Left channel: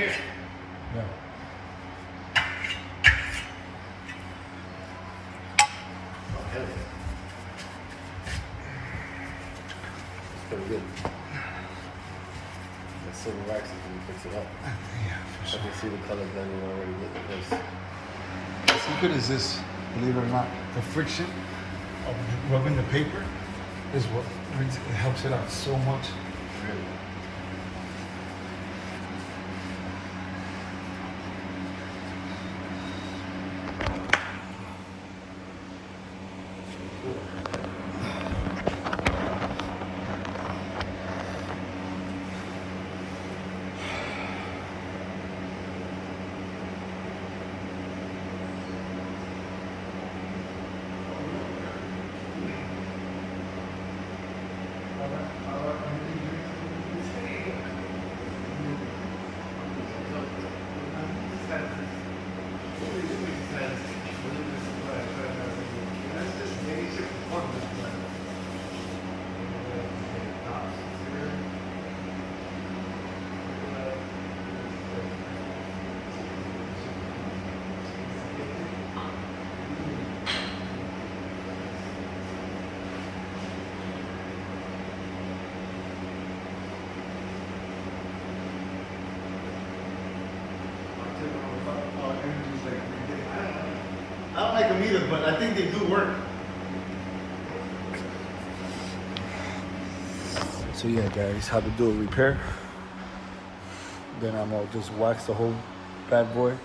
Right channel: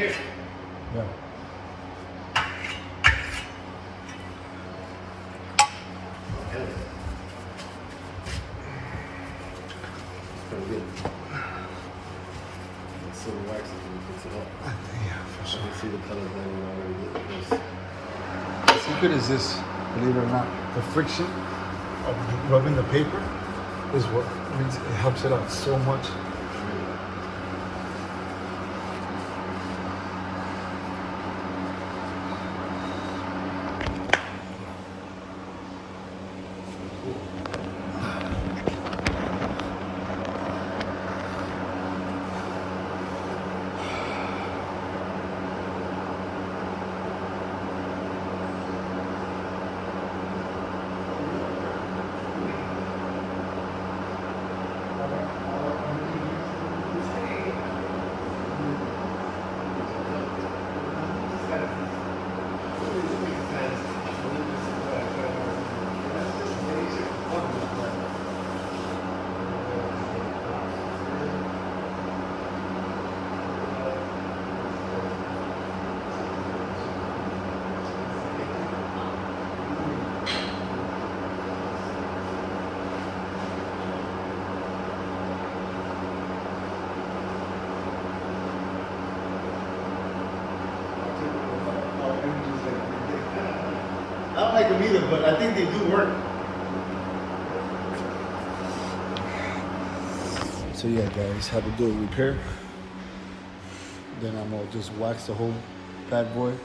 here. Yeah. Okay. Pretty good. The silver waxes when you fix it up. Yeah, for I sure. can see the color blending already with this. What's good is this, believe it or not, the friction of rubbing the paper is what it helps it out so much. I don't like them either, but I think they do work. So yeah, guys, how to do a repair. Then I'm gonna just wax the whole bad boy.